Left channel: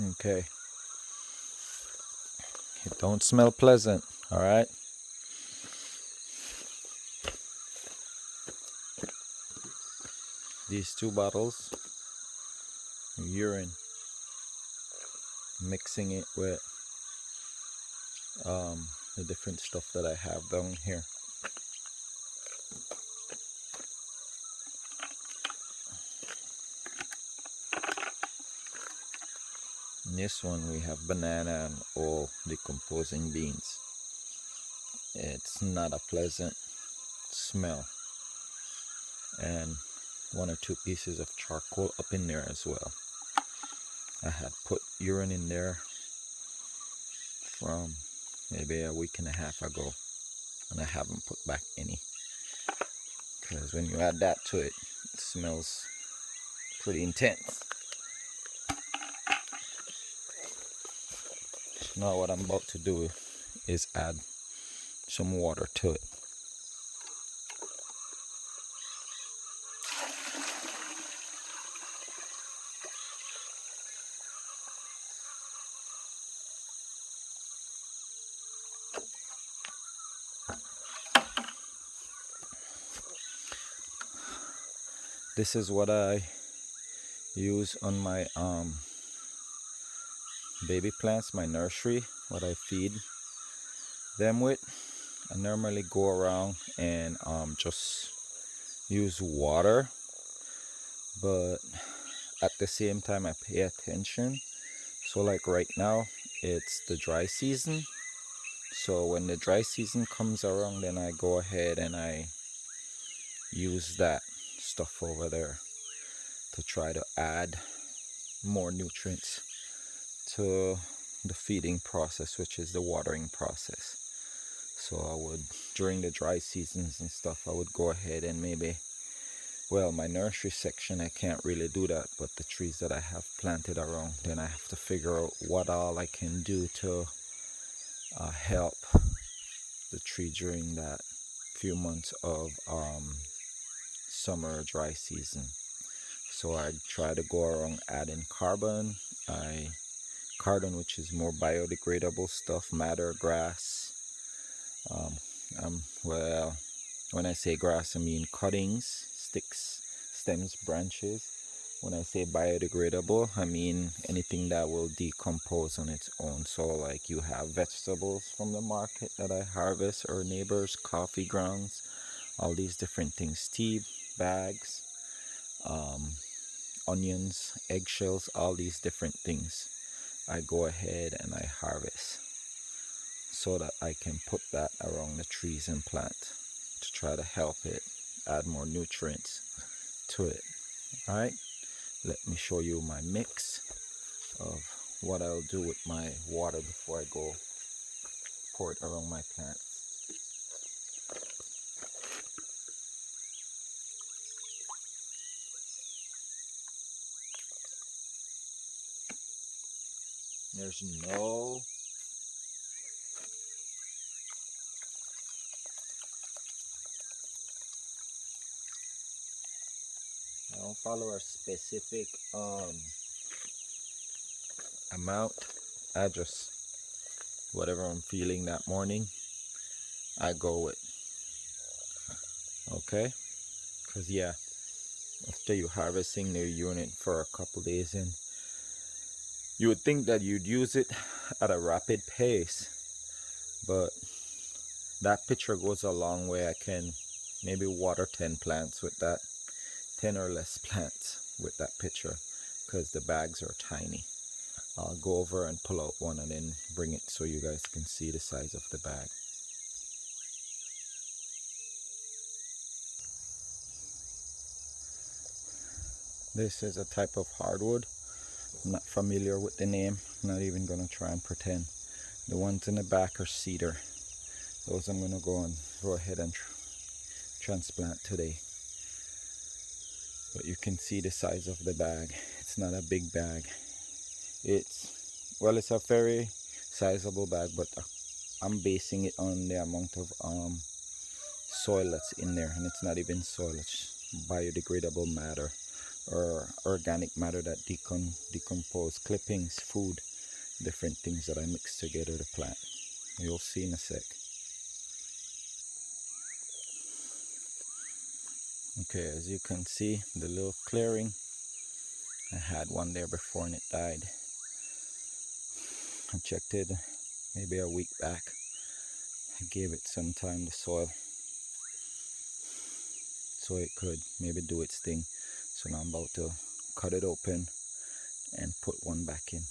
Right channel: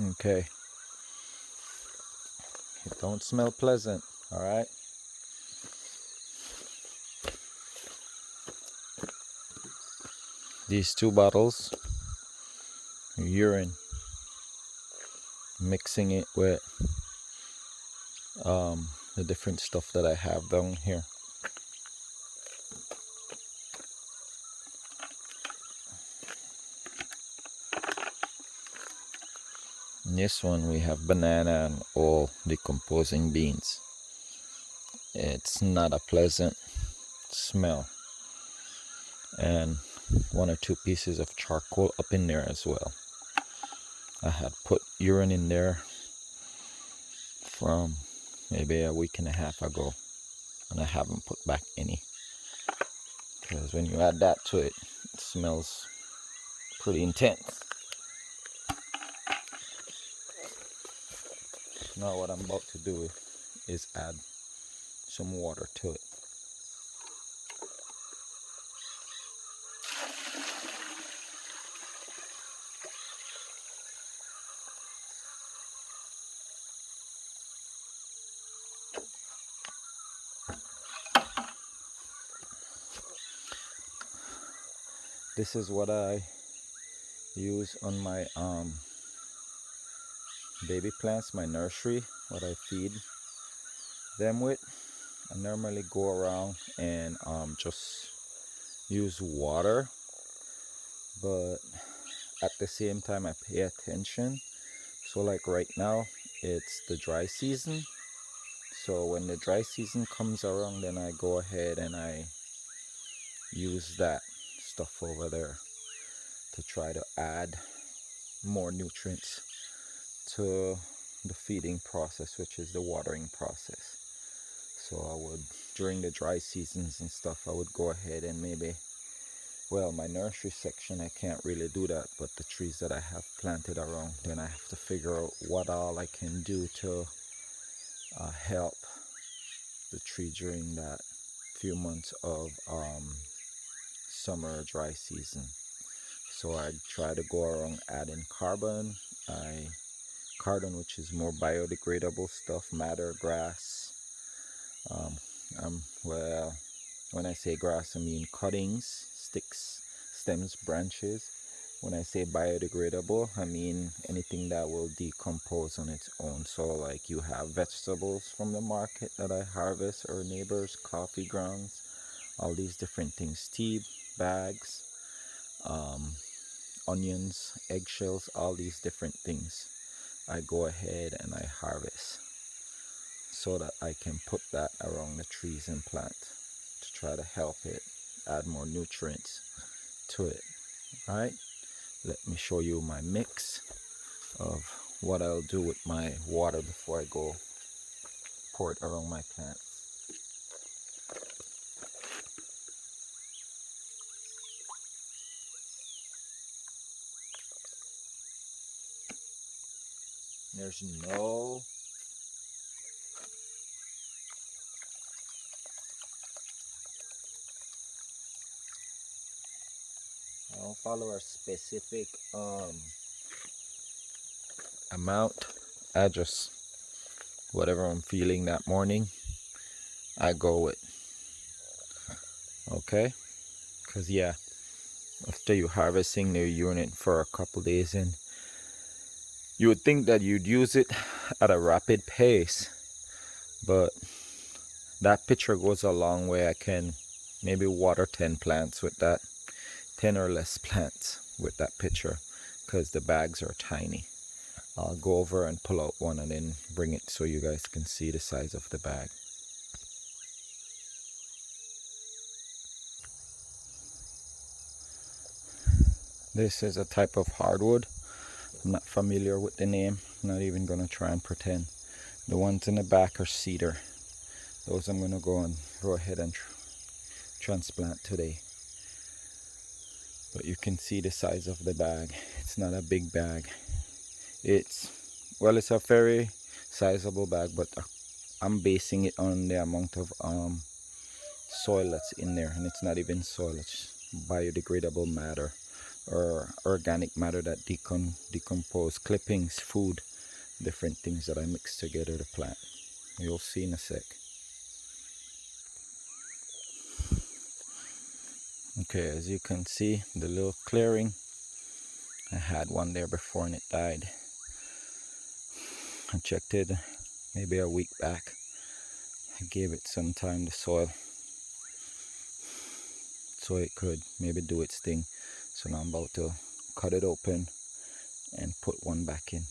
Okay. It don't smell pleasant, all right? These 2 bottles, urine, mixing it with the different stuff that I have down here. In this one we have banana and all decomposing beans. It's not a pleasant smell. And 1 or 2 pieces of charcoal up in there as well. I had put urine in there from maybe a week and a half ago, and I haven't put back any, because when you add that to it, it smells pretty intense. Now what I'm about to do is add some water to it. This is what I use on my baby plants, my nursery, what I feed them with. I normally go around and just use water, but at the same time I pay attention. So like right now it's the dry season, so when the dry season comes around, then I go ahead and I use that stuff over there to try to add more nutrients to the feeding process, which is the watering process. So I would, during the dry seasons and stuff, I would go ahead and maybe, well, my nursery section I can't really do that, but the trees that I have planted around, then I have to figure out what all I can do to help the tree during that few months of summer dry season. So I try to go around adding carbon, which is more biodegradable stuff, madder, grass. Well, when I say grass, I mean cuttings, sticks, stems, branches. When I say biodegradable, I mean anything that will decompose on its own. So like you have vegetables from the market that I harvest, or neighbors, coffee grounds, all these different things, tea bags, onions, eggshells, all these different things I go ahead and I harvest, so that I can put that around the trees and plants to try to help it add more nutrients to it. Alright, let me show you my mix of what I'll do with my water before I go pour it around my plants. There's no I don't follow a specific amount. I just, whatever I'm feeling that morning, I go with. Okay? Because yeah, after you harvesting the urine for a couple days, and you would think that you'd use it at a rapid pace, but that pitcher goes a long way. I can maybe water 10 plants with that, 10 or less plants with that pitcher, because the bags are tiny. I'll go over and pull out one and then bring it so you guys can see the size of the bag. This is a type of hardwood. I'm not familiar with the name. I'm not even going to try and pretend. The ones in the back are cedar. Those I'm going to go ahead and transplant today. But you can see the size of the bag. It's not a big bag. It's a very sizable bag, but I'm basing it on the amount of soil that's in there, and it's not even soil, it's biodegradable matter or organic matter that decompose, clippings, food, different things that I mix together to plant. You'll see in a sec. Okay, as you can see, the little clearing, I had one there before and it died. I checked it maybe a week back. I gave it some time to soil so it could maybe do its thing. So now I'm about to cut it open and put one back in.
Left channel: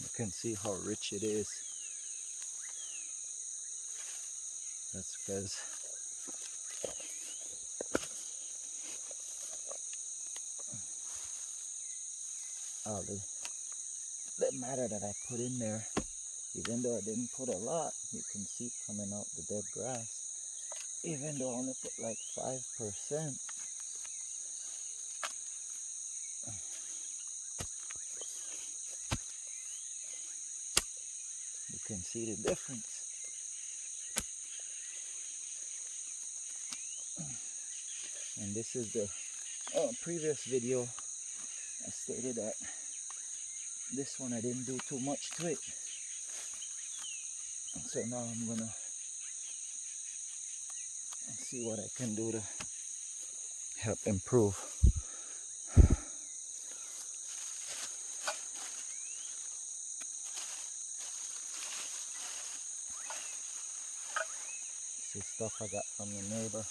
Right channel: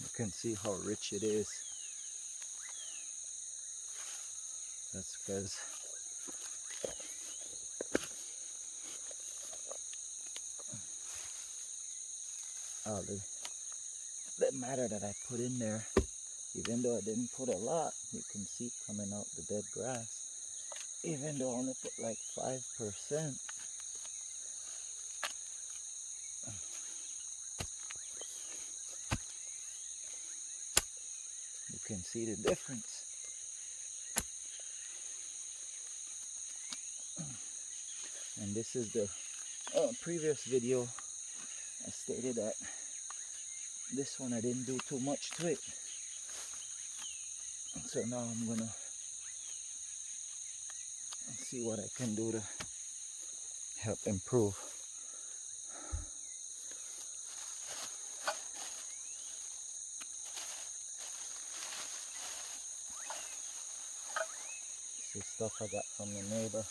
You can see how rich it is. That's because all the matter that I put in there, even though I didn't put a lot, you can see coming out the dead grass. Even though I only put like 5%, you can see the difference. And this is the previous video. I stated that this one I didn't do too much to it. So now I'm gonna see what I can do to help improve. This is stuff I got from the neighbor.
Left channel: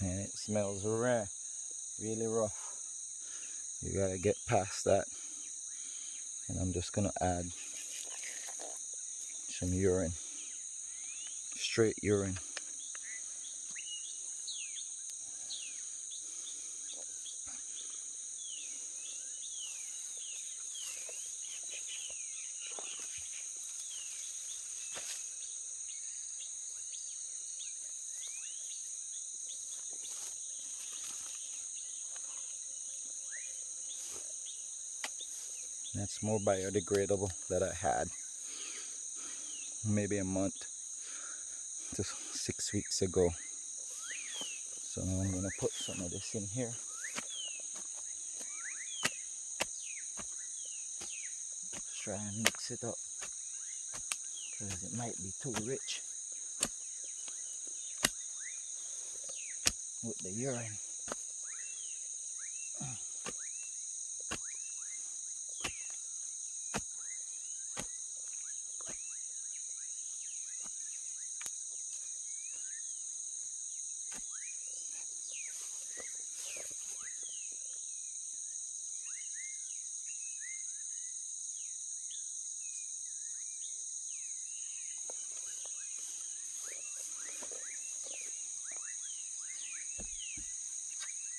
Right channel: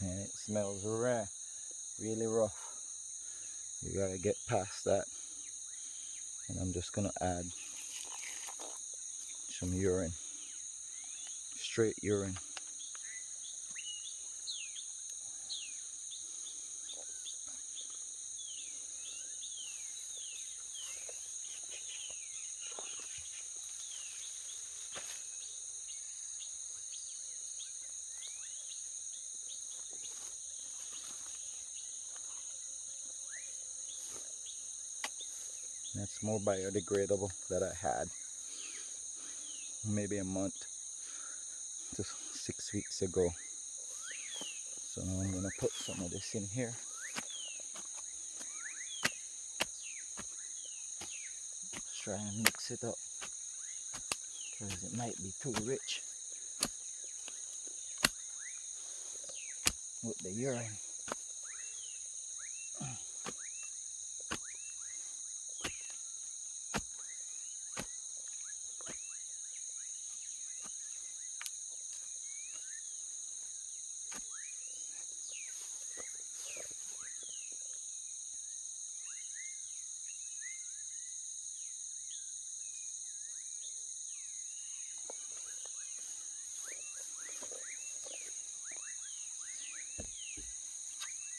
And it smells rare, really rough. You gotta get past that. And I'm just gonna add some urine, straight urine. That's more biodegradable that I had maybe a month to 6 weeks ago. So now I'm gonna put some of this in here. Let's try and mix it up because it might be too rich with the urine.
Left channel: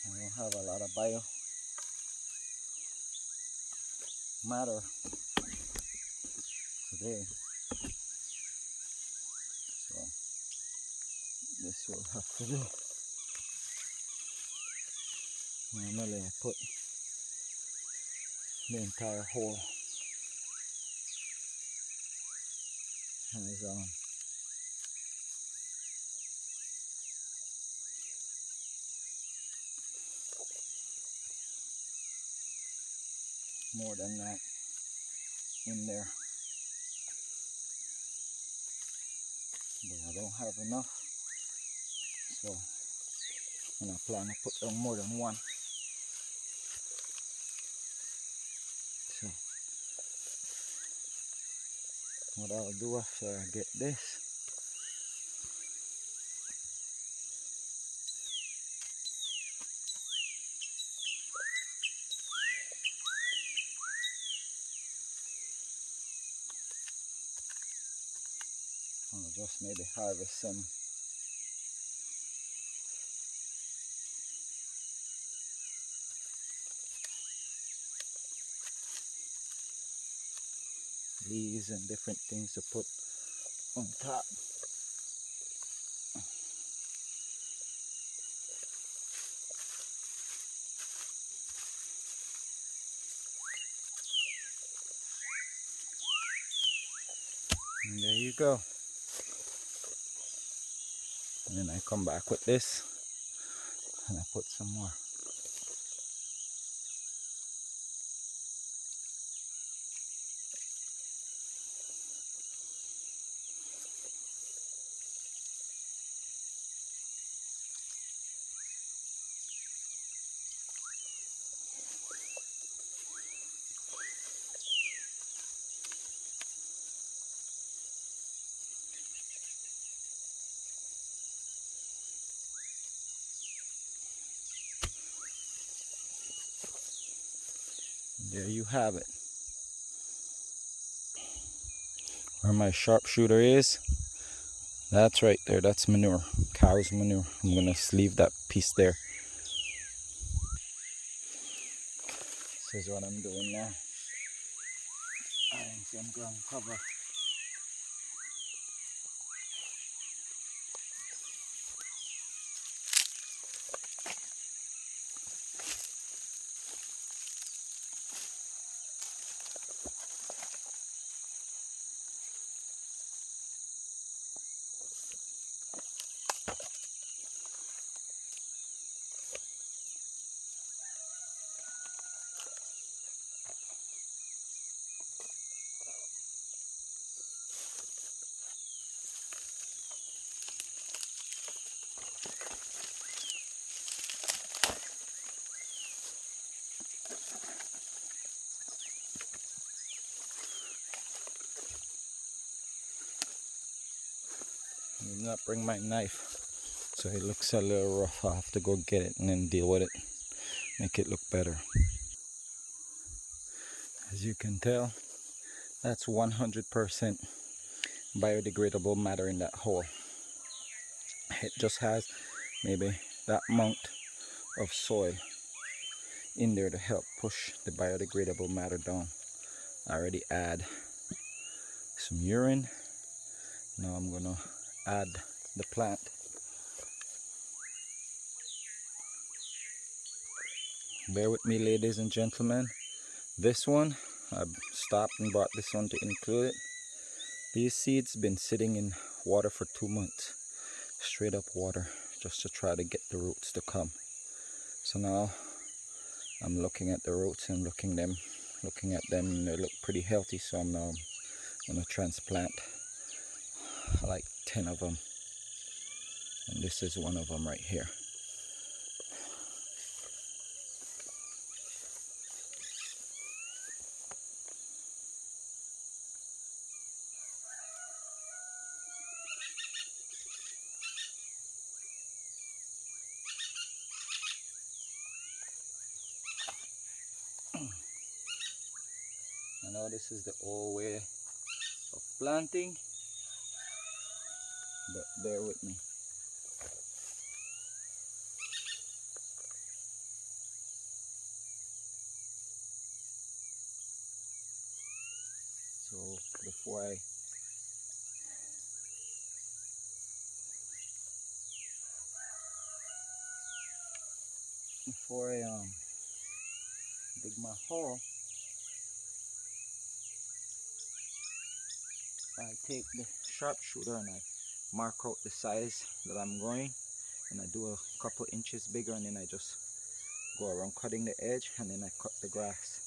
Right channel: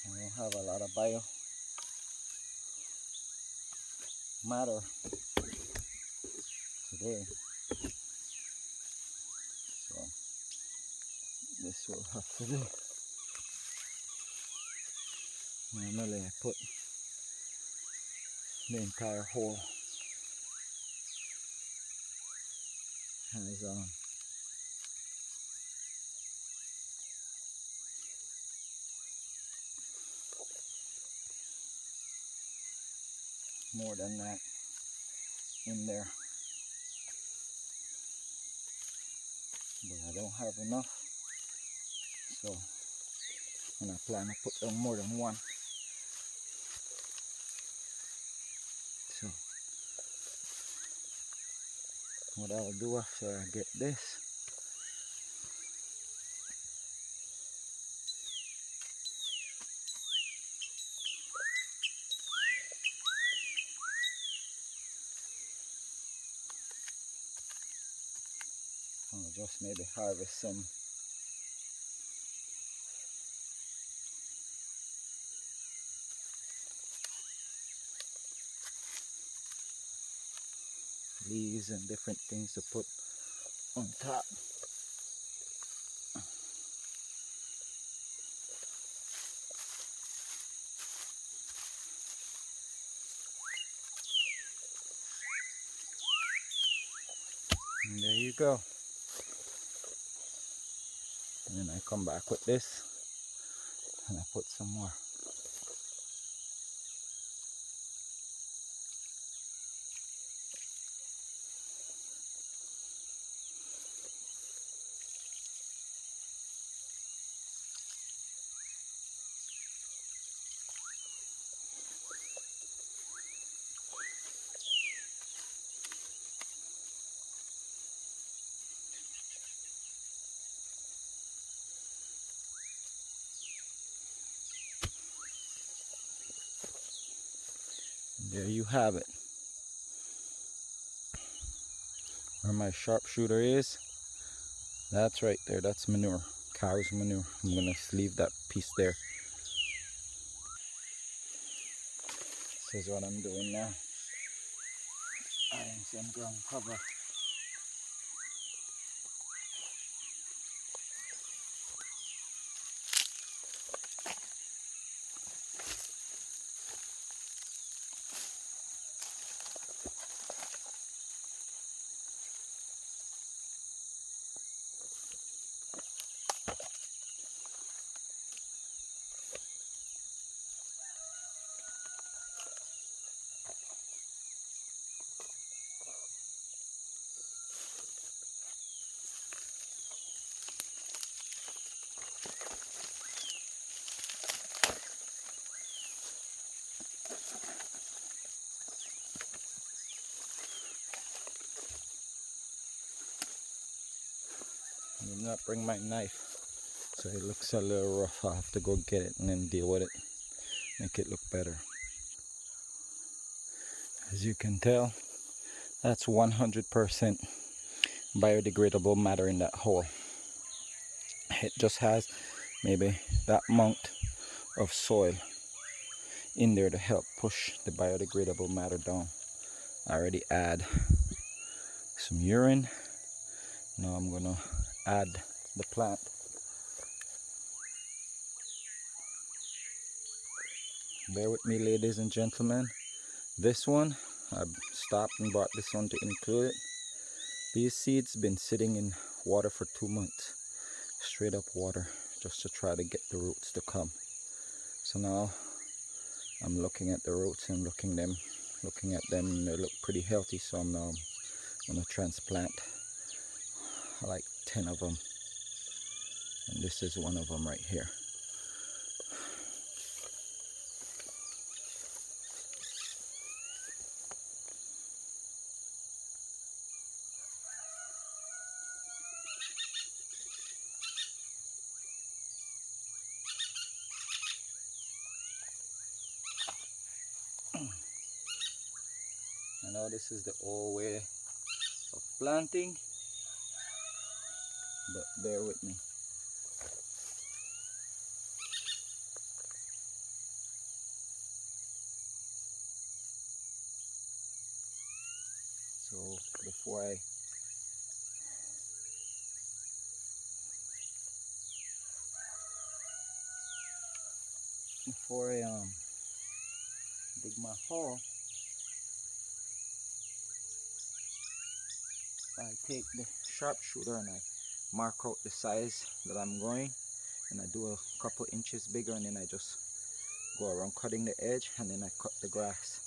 I don't have a lot of bio matter today, so this will have to do. Normally I put the entire hole has more than that in there, but I don't have enough, so and I plan to put more than one. So what I'll do after I get this, I'll just maybe harvest some leaves and different things to put on top. And there you go. And then I come back with this and I put some more. There you have it. Where my sharpshooter is, that's right there. That's manure, cow's manure. I'm gonna leave that piece there. This is what I'm doing now. Adding some ground cover. I did not bring my knife, so it looks a little rough. I'll have to go get it and then deal with it, make it look better. As you can tell, that's 100% biodegradable matter in that hole. It just has maybe that amount of soil in there to help push the biodegradable matter down. I already add some urine. Now I'm gonna add the plant. Bear with me, ladies and gentlemen. This one, I stopped and bought this one to include it. These seeds been sitting in water for 2 months. Straight up water, just to try to get the roots to come. So now I'm looking at the roots and looking at them, and they look pretty healthy. So I'm now gonna transplant like 10 of them, and this is one of them right here. I know this is the old way of planting, but bear with me. So before I dig my hole, I take the sharpshooter and I mark out the size that I'm going, and I do a couple inches bigger, and then I just go around cutting the edge, and then I cut the grass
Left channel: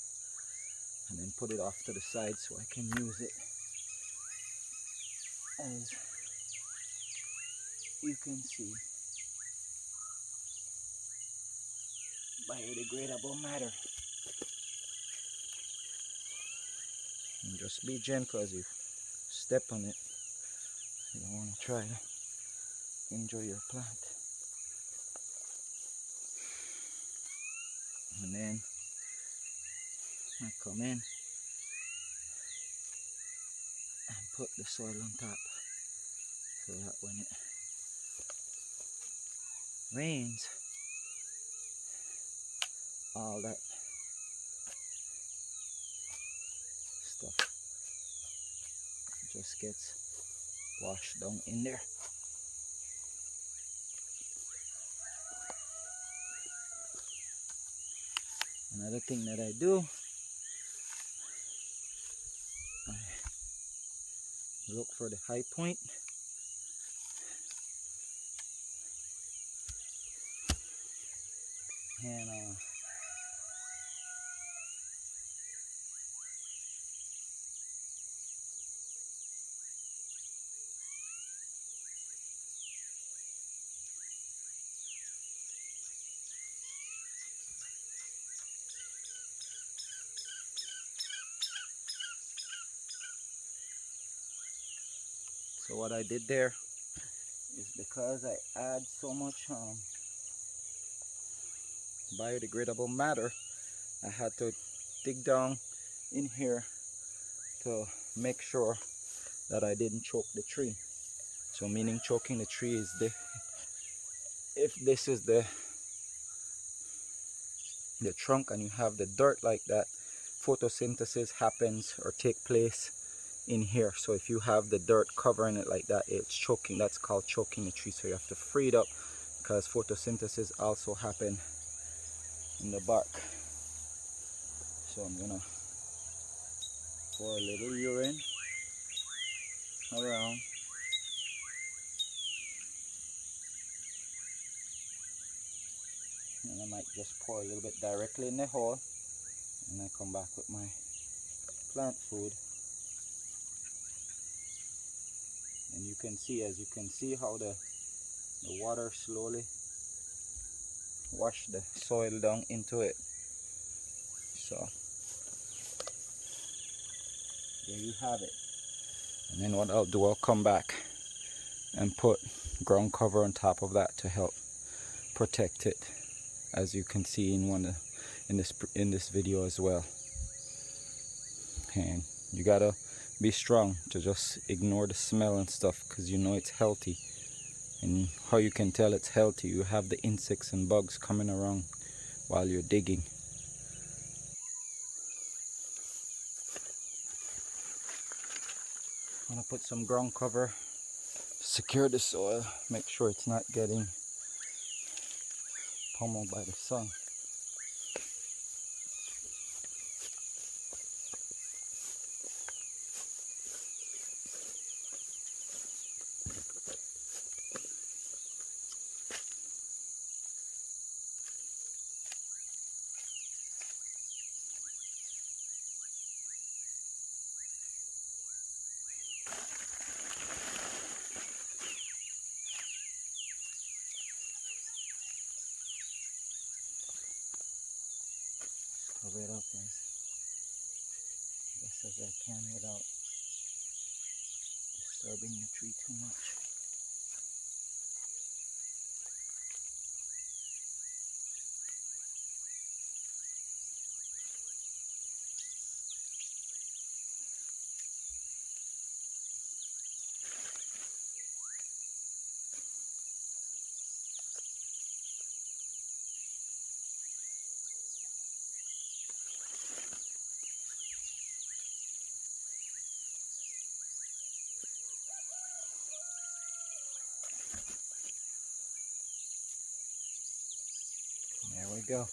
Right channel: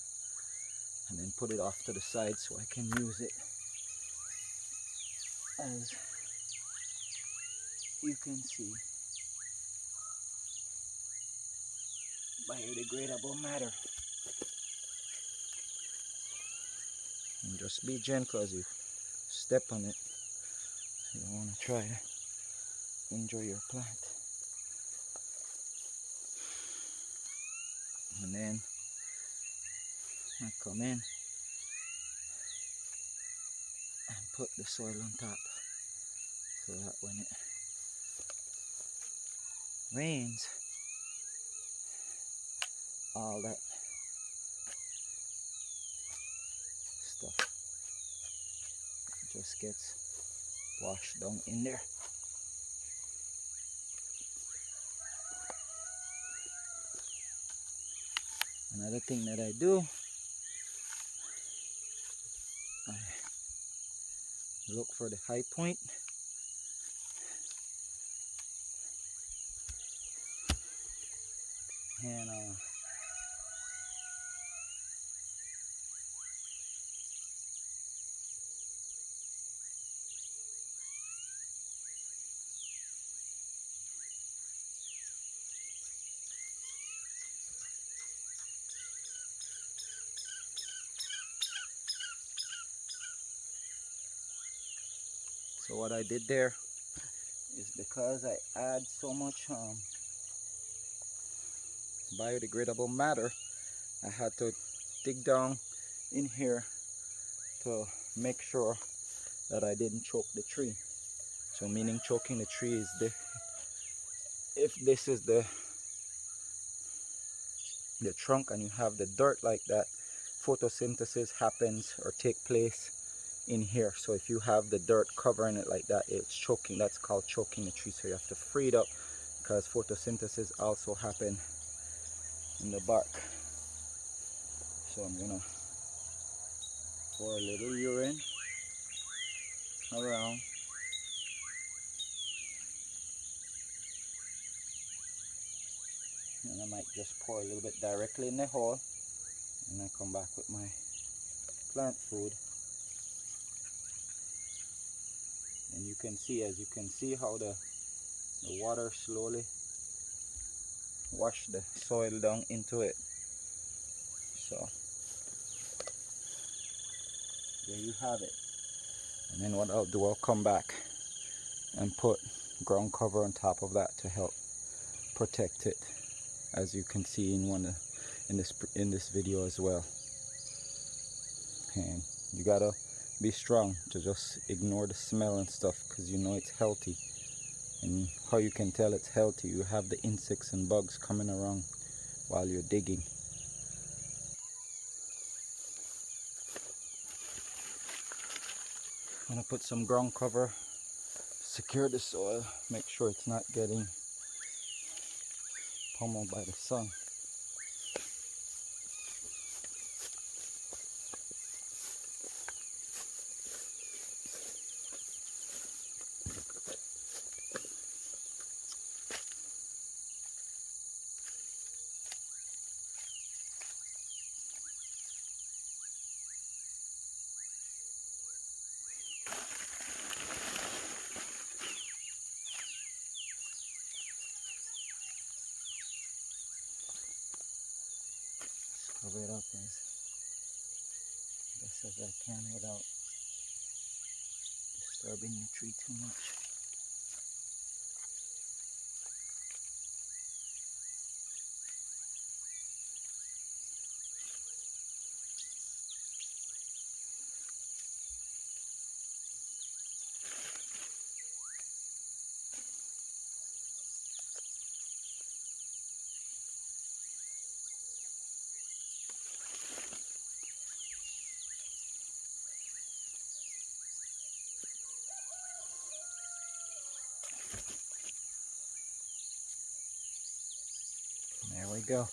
and then put it off to the side so I can use it as you can see, biodegradable matter. And just be gentle as you step on it. You don't want to try to injure your plant. And then I come in and put the soil on top, so that when it rains, all that stuff just gets washed down in there. Another thing that I do, I look for the high point. And so what I did there is, because I add so much biodegradable matter, I had to dig down in here to make sure that I didn't choke the tree. So meaning choking the tree is if this is the trunk and you have the dirt like that, photosynthesis happens or take place in here. So if you have the dirt covering it like that, it's choking. That's called choking the tree. So you have to free it up, because photosynthesis also happen in the bark. So I'm gonna pour a little urine around. And I might just pour a little bit directly in the hole, and I come back with my plant food. And you can see, as you can see, how the water slowly wash the soil down into it. So there you have it. And then what I'll do, I'll come back and put ground cover on top of that to help protect it, as you can see in this video as well. And you gotta be strong to just ignore the smell and stuff, because you know it's healthy. And how you can tell it's healthy, you have the insects and bugs coming around while you're digging. I'm gonna put some ground cover, secure the soil, make sure it's not getting pummeled by the sun. Cover it up as best as I can without disturbing the tree too much. There we go.